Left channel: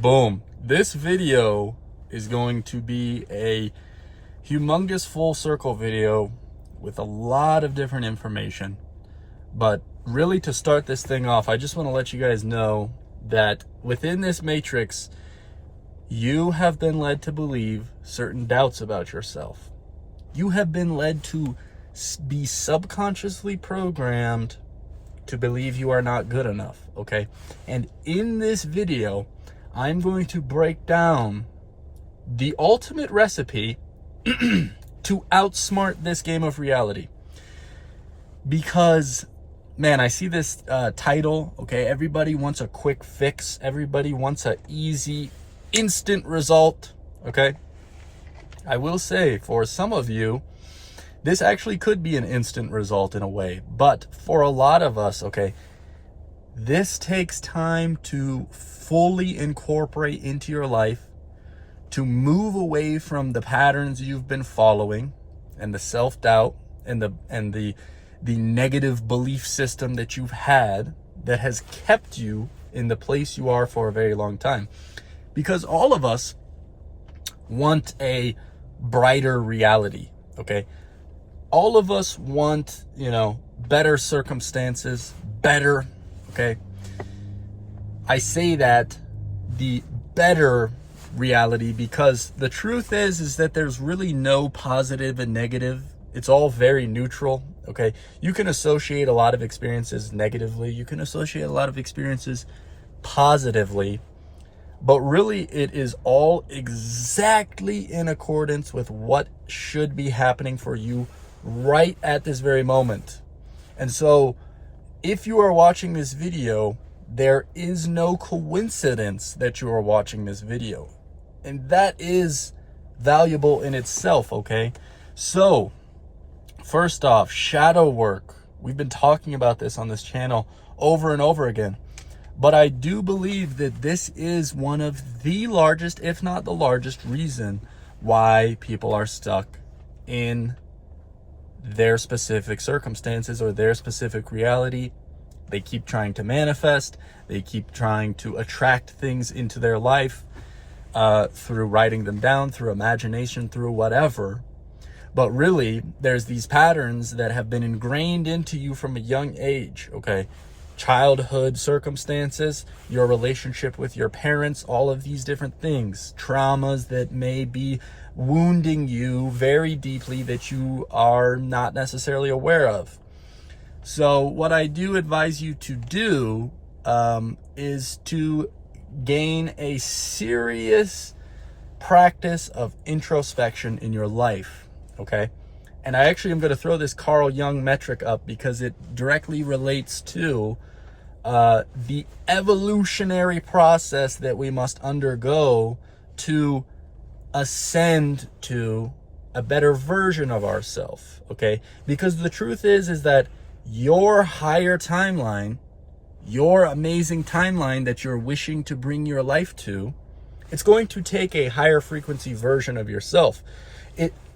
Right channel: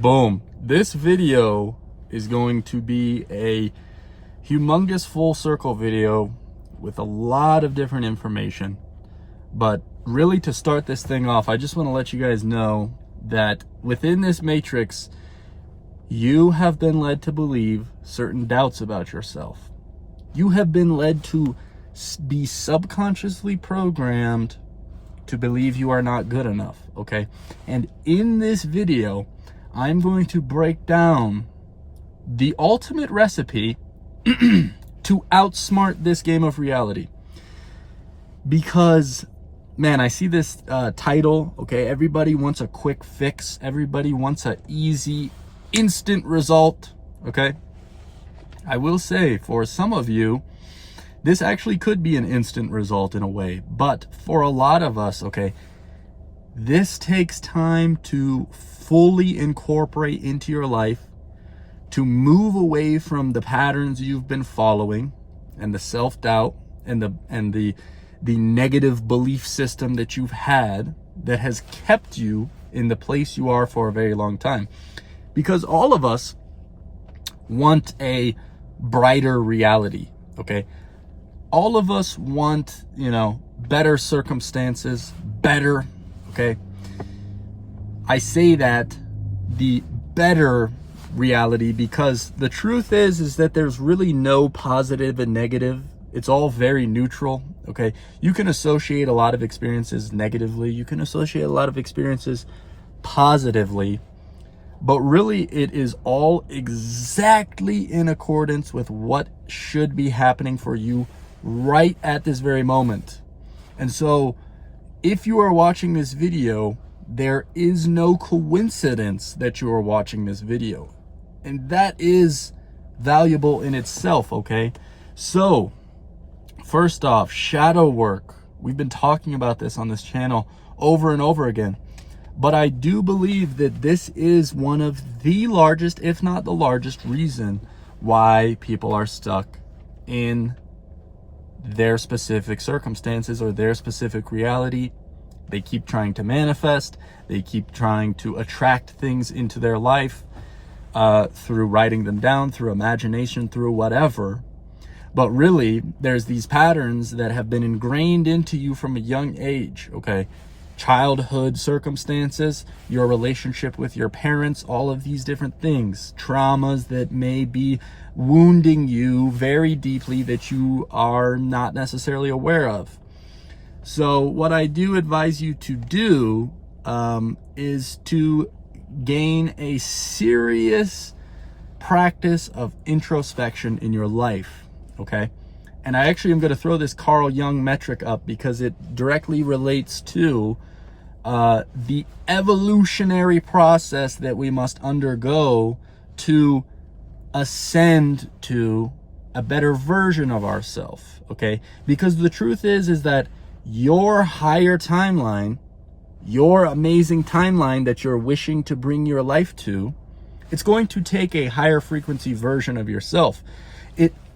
Boom. This video is going to be a humongous full circle video with a lot of different information. But really, to start this thing off, I just want to let you guys know that within this matrix, you have been led to believe certain doubts about yourself. You have been led to be subconsciously programmed to believe you are not good enough, okay? And in this video, I'm going to break down the ultimate recipe to outsmart this game of reality. Because, man, I see this title, okay? Everybody wants a quick fix. Everybody wants an easy, instant result, okay? I will say, for some of you, this actually could be an instant result in a way. But for a lot of us, okay, this takes time to fully incorporate into your life, to move away from the patterns you've been following and the self-doubt and the negative belief system that you've had that has kept you in the place you are for a very long time. Because all of us want a brighter reality, okay? All of us want, better circumstances, better, okay? I say that the better reality because the truth is that there's really no positive and negative. It's all very neutral, okay? You can associate a lot of experiences negatively. You can associate a lot of experiences positively, but really it is all exactly in accordance with what should be happening for you right at this very moment. And so if you are watching this video, there is no coincidence that you are watching this video. And that is valuable in itself, okay? So, first off, shadow work. We've been talking about this on this channel over and over again. But I do believe that this is one of the largest, if not the largest, reason why people are stuck in their specific circumstances or their specific reality. They keep trying to manifest. They keep trying to attract things into their life through writing them down, through imagination, through whatever. But really, there's these patterns that have been ingrained into you from a young age, okay? Childhood circumstances, your relationship with your parents, all of these different things, traumas that may be wounding you very deeply that you are not necessarily aware of. So what I do advise you to do is to gain a serious practice of introspection in your life, okay? And I actually am going to throw this Carl Jung metric up because it directly relates to the evolutionary process that we must undergo to ascend to a better version of ourselves, okay? Because the truth is that your higher timeline, your amazing timeline that you're wishing to bring your life to, it's going to take a higher frequency version of yourself.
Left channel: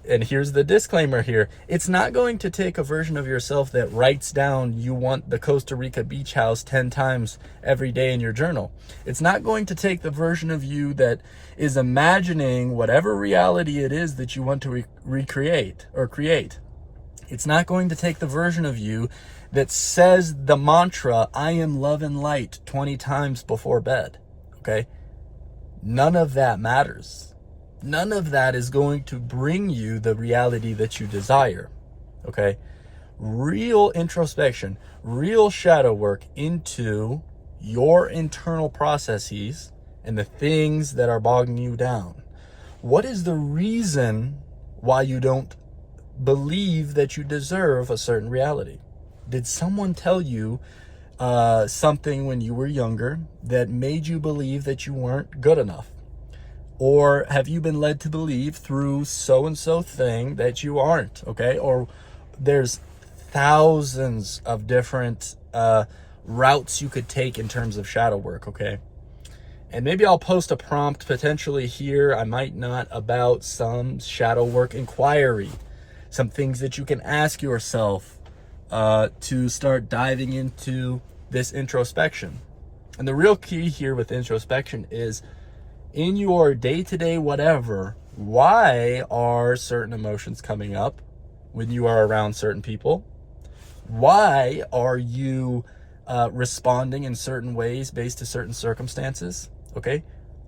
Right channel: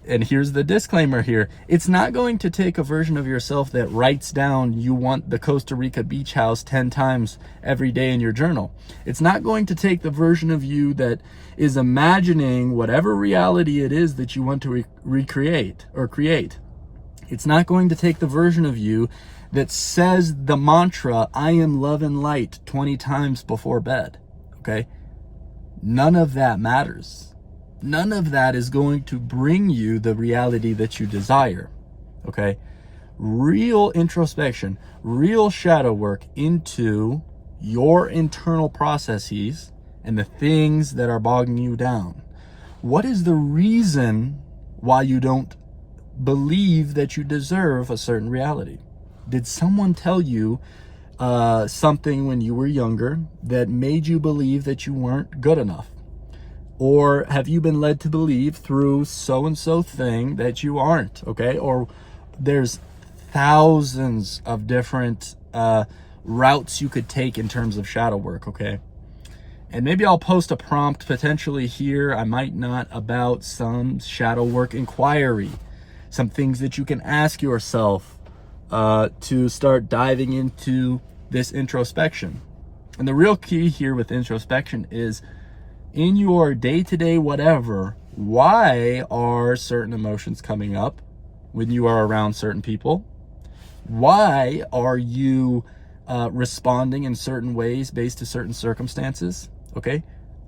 And here's the disclaimer here. It's not going to take a version of yourself that writes down you want the Costa Rica beach house 10 times every day in your journal. It's not going to take the version of you that is imagining whatever reality it is that you want to recreate or create. It's not going to take the version of you that says the mantra, I am love and light 20 times before bed, okay? None of that matters. None of that is going to bring you the reality that you desire, okay? Real introspection, real shadow work into your internal processes and the things that are bogging you down. What is the reason why you don't believe that you deserve a certain reality? Did someone tell you something when you were younger that made you believe that you weren't good enough? Or have you been led to believe through so-and-so thing that you aren't, okay? Or there's thousands of different routes you could take in terms of shadow work, okay? And maybe I'll post a prompt potentially here, I might not, about some shadow work inquiry, some things that you can ask yourself to start diving into this introspection. And the real key here with introspection is in your day-to-day whatever, why are certain emotions coming up when you are around certain people? Why are you responding in certain ways based to certain circumstances? Okay.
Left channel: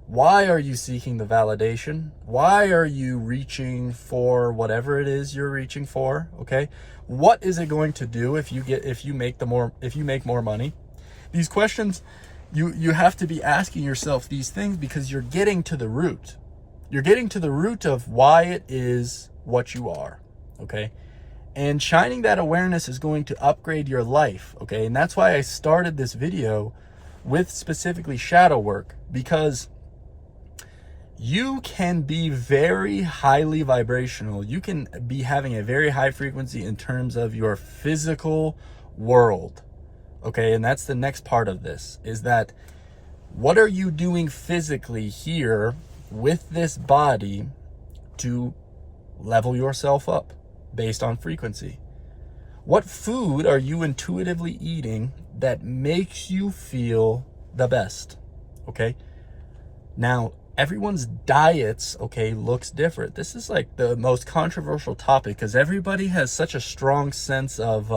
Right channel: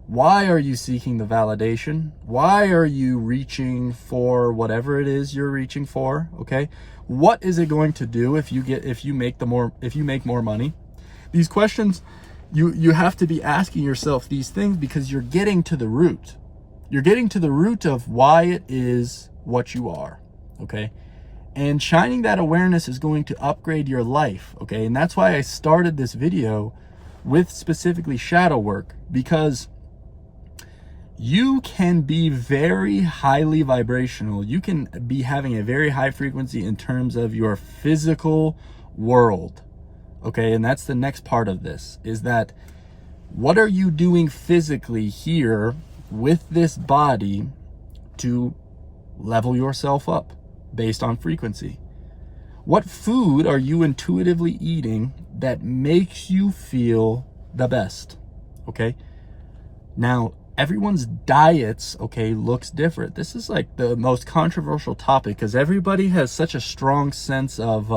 Why are you seeking the validation? Why are you reaching for whatever it is you're reaching for? Okay. What is it going to do if you make more money? These questions, you have to be asking yourself these things, because you're getting to the root. You're getting to the root of why it is what you are. Okay. And shining that awareness is going to upgrade your life. Okay. And that's why I started this video with specifically shadow work, because you can be very highly vibrational. You can be having a very high frequency in terms of your physical world. Okay. And that's the next part of this, is that what are you doing physically here with this body to level yourself up based on frequency? What food are you intuitively eating that makes you feel the best? Okay. Now, everyone's diets, okay, looks different. This is like the most controversial topic, because everybody has such a strong sense of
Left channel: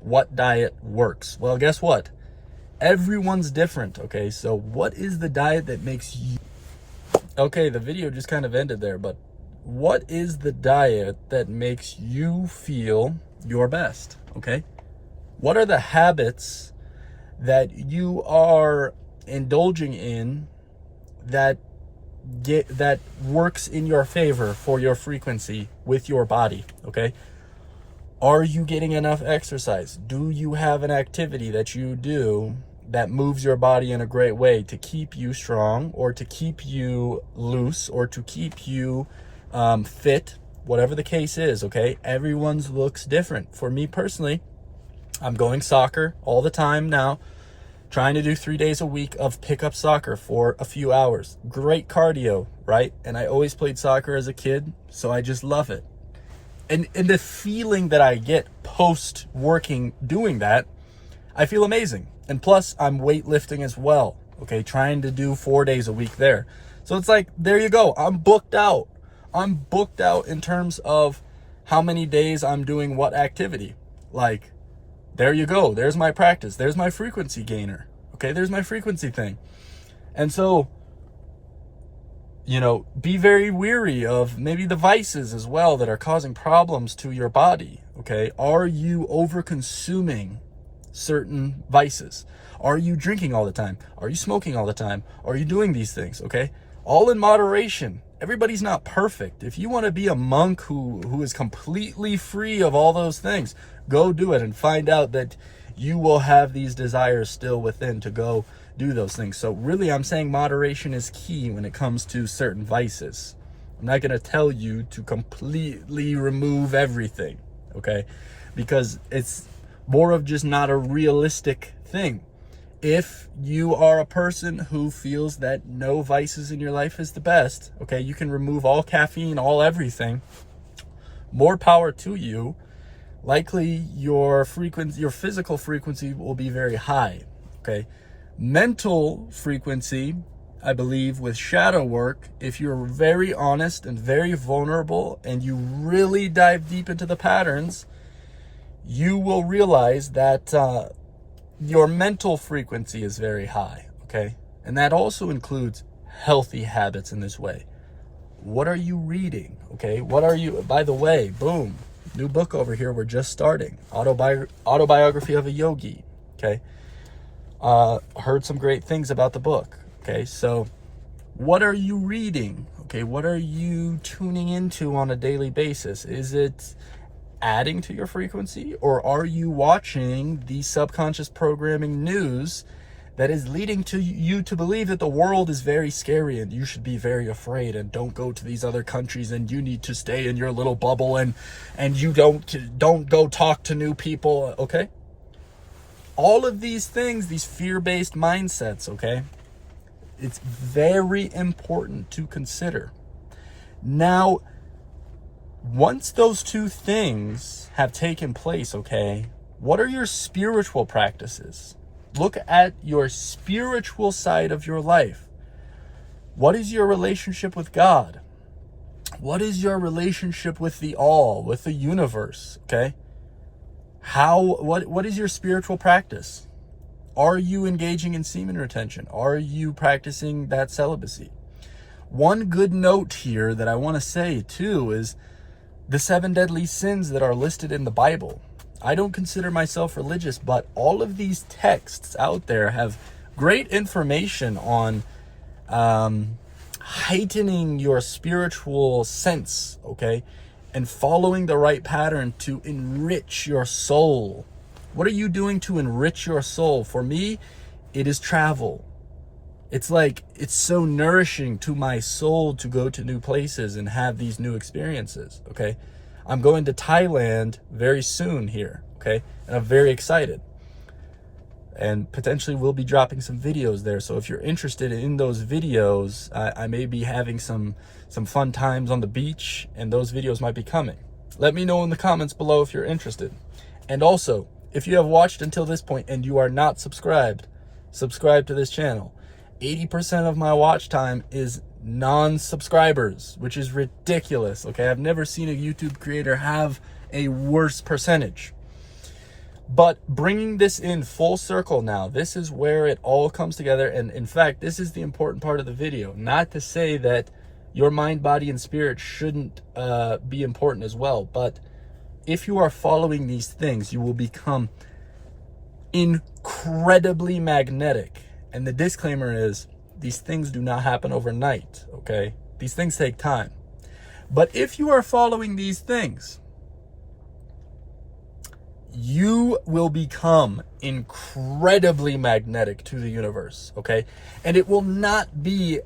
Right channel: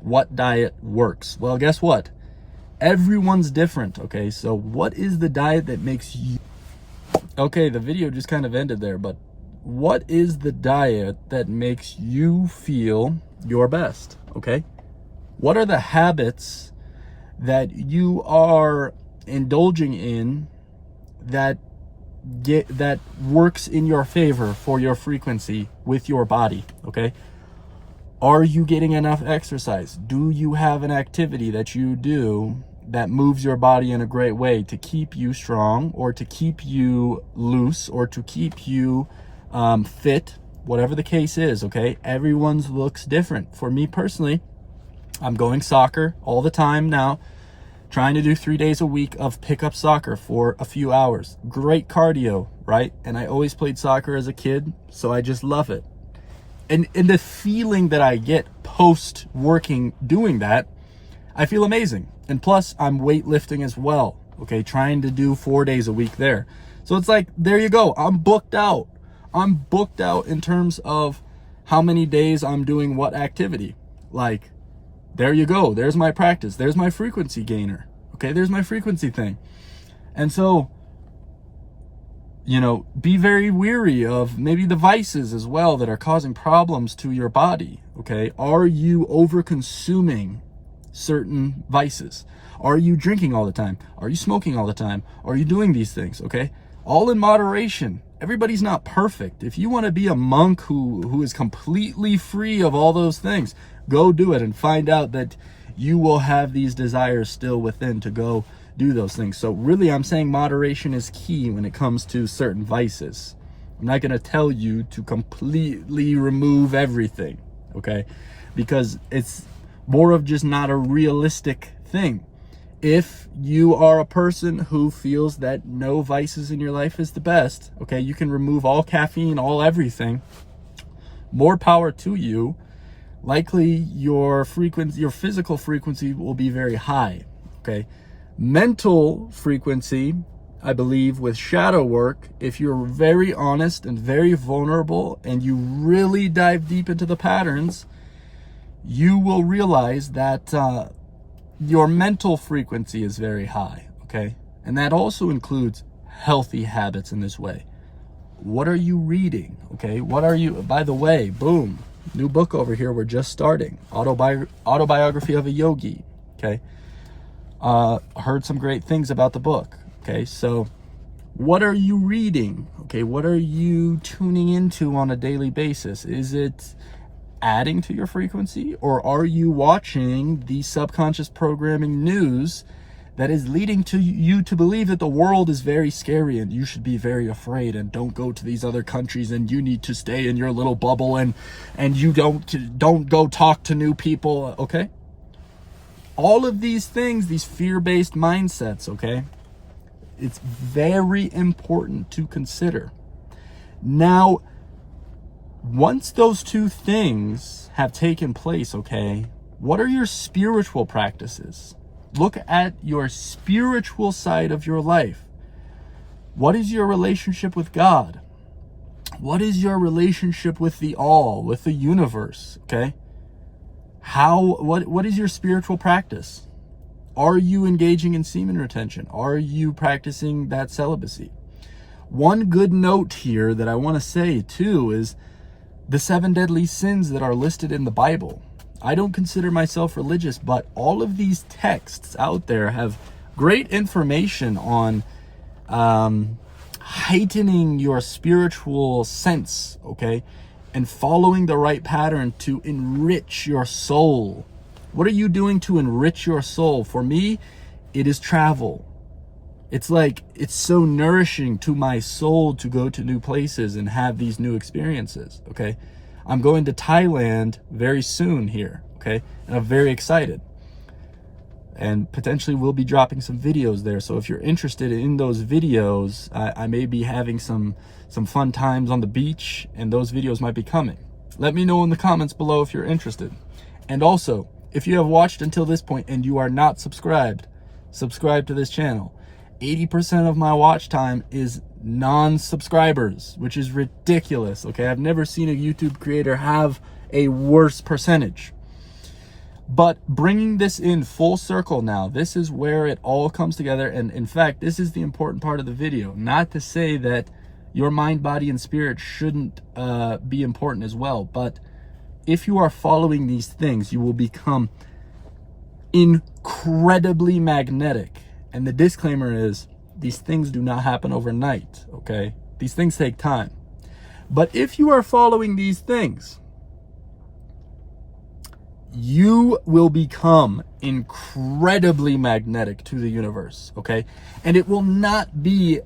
what diet works. Well, guess what? Everyone's different. Okay. So what is the diet that makes you... Okay, the video just kind of ended there, but what is the diet that makes you feel your best? Okay. What are the habits that you are indulging in that works in your favor for your frequency with your body? Okay. Are you getting enough exercise? Do you have an activity that you do that moves your body in a great way to keep you strong, or to keep you loose, or to keep you fit, whatever the case is? Okay. Everyone's looks different. For me personally, I'm going soccer all the time now, trying to do 3 days a week of pickup soccer for a few hours. Great cardio, right? And I always played soccer as a kid, so I just love it. And the feeling that I get post working doing that, I feel amazing. And plus, I'm weightlifting as well, okay? Trying to do 4 days a week there. So it's like, there you go. I'm booked out. I'm booked out in terms of how many days I'm doing what activity. Like, there you go. There's my practice. There's my frequency gainer. Okay, there's my frequency thing. And so, be very weary of maybe the vices as well that are causing problems to your body. Okay, are you over consuming certain vices? Are you drinking all the time? Are you smoking all the time? Are you doing these things? Okay, all in moderation. Everybody's not perfect. If you want to be a monk who is completely free of all those things, go do it, and find out that you will have these desires still within to go do those things. So really, I'm saying moderation is key when it comes to certain vices. I'm not going to tell you to completely remove everything, okay? Because it's more of just not a realistic thing. If you are a person who feels that no vices in your life is the best, okay, you can remove all caffeine, all everything. More power to you. Likely your frequency, your physical frequency will be very high, okay? Mental frequency, I believe, with shadow work, if you're very honest and very vulnerable and you really dive deep into the patterns, you will realize that your mental frequency is very high, okay? And that also includes healthy habits in this way. What are you reading, okay? What are you, by the way, boom, new book over here, we're just starting. Autobiography of a Yogi, okay? Heard some great things about the book, okay? So what are you reading, okay? What are you tuning into on a daily basis? Is it adding to your frequency, or are you watching the subconscious programming news that is leading to you to believe that the world is very scary and you should be very afraid and don't go to these other countries and you need to stay in your little bubble and you don't go talk to new people, okay? All of these things, these fear-based mindsets, okay? It's very important to consider. Now, once those two things have taken place, okay, what are your spiritual practices? Look at your spiritual side of your life. What is your relationship with God? What is your relationship with the all, with the universe? Okay. What is your spiritual practice? Are you engaging in semen retention? Are you practicing that celibacy? One good note here that I want to say too is the 7 deadly sins that are listed in the Bible. I don't consider myself religious, but all of these texts out there have great information on heightening your spiritual sense, okay? And following the right pattern to enrich your soul. What are you doing to enrich your soul? For me, it is travel. It's like, it's so nourishing to my soul to go to new places and have these new experiences, okay? I'm going to Thailand very soon here, okay? And I'm very excited. And potentially we'll be dropping some videos there. So if you're interested in those videos, I may be having some fun times on the beach, and those videos might be coming. Let me know in the comments below if you're interested. And also, if you have watched until this point and you are not subscribed, subscribe to this channel. 80% of my watch time is non-subscribers, which is ridiculous, okay? I've never seen a YouTube creator have a worse percentage. But bringing this in full circle now, this is where it all comes together. And in fact, this is the important part of the video. Not to say that your mind, body, and spirit shouldn't be important as well. But if you are following these things, you will become incredibly magnetic. And the disclaimer is, these things do not happen overnight, okay? These things take time. But if you are following these things, you will become incredibly magnetic to the universe, okay? And it will not be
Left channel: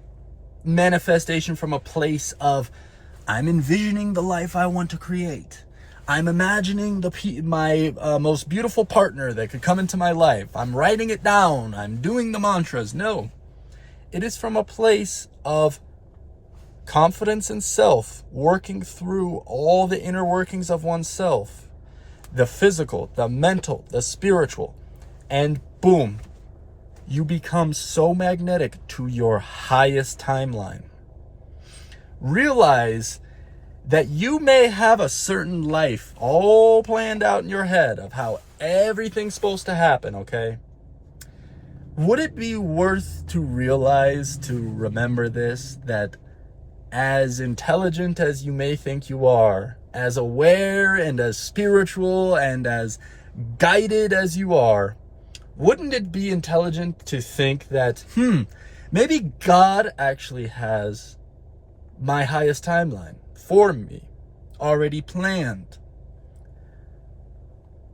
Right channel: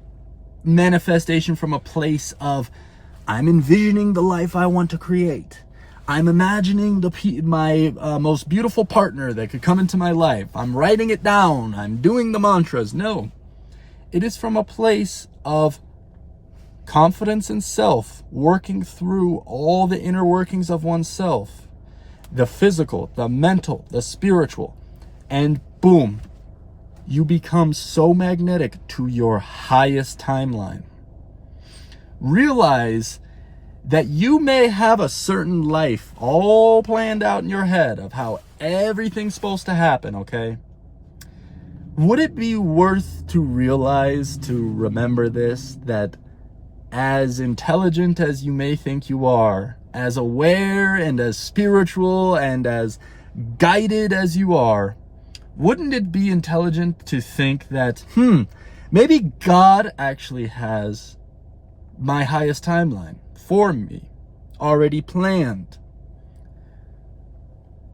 manifestation from a place of, I'm envisioning the life I want to create. I'm imagining my most beautiful partner that could come into my life. I'm writing it down. I'm doing the mantras. No, it is from a place of confidence in self, working through all the inner workings of oneself, the physical, the mental, the spiritual, and boom, you become so magnetic to your highest timeline. Realize that you may have a certain life all planned out in your head of how everything's supposed to happen, okay? Would it be worth to realize, to remember this, that as intelligent as you may think you are, as aware and as spiritual and as guided as you are, wouldn't it be intelligent to think that, maybe God actually has my highest timeline for me already planned?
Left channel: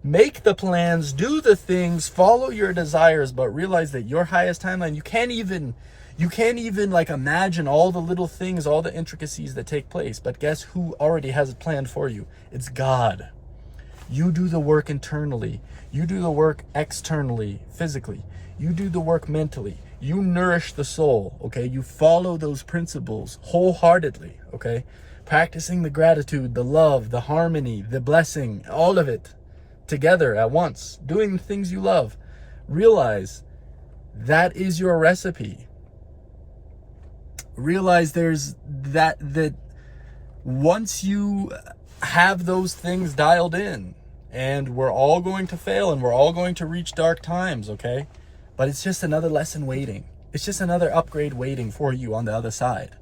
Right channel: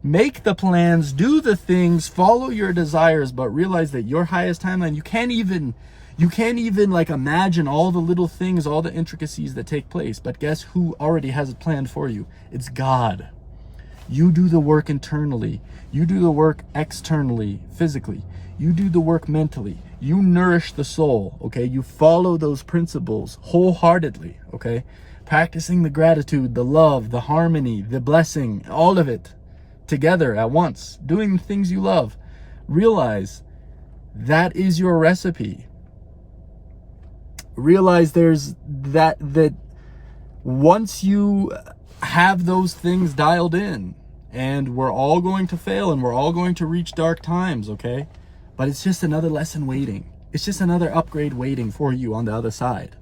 Make the plans, do the things, follow your desires, but realize that your highest timeline, you can't even like imagine all the little things, all the intricacies that take place. But guess who already has it planned for you? It's God. You do the work internally. You do the work externally, physically. You do the work mentally. You nourish the soul, okay? You follow those principles wholeheartedly, okay? Practicing the gratitude, the love, the harmony, the blessing, all of it together at once. Doing the things you love. Realize that is your recipe. Realize there's that once you have those things dialed in, and we're all going to fail and we're all going to reach dark times, okay? But it's just another lesson waiting. It's just another upgrade waiting for you on the other side.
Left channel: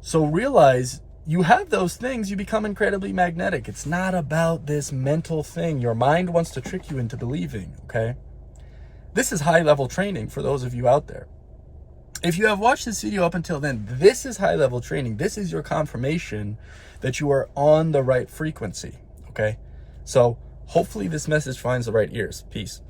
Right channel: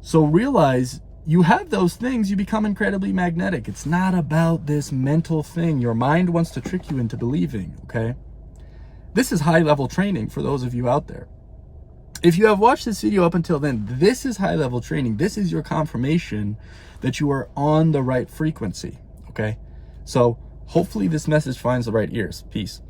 So realize you have those things, you become incredibly magnetic. It's not about this mental thing your mind wants to trick you into believing, okay? This is high-level training for those of you out there. If you have watched this video up until then, this is high-level training. This is your confirmation that you are on the right frequency, okay? So hopefully this message finds the right ears. Peace.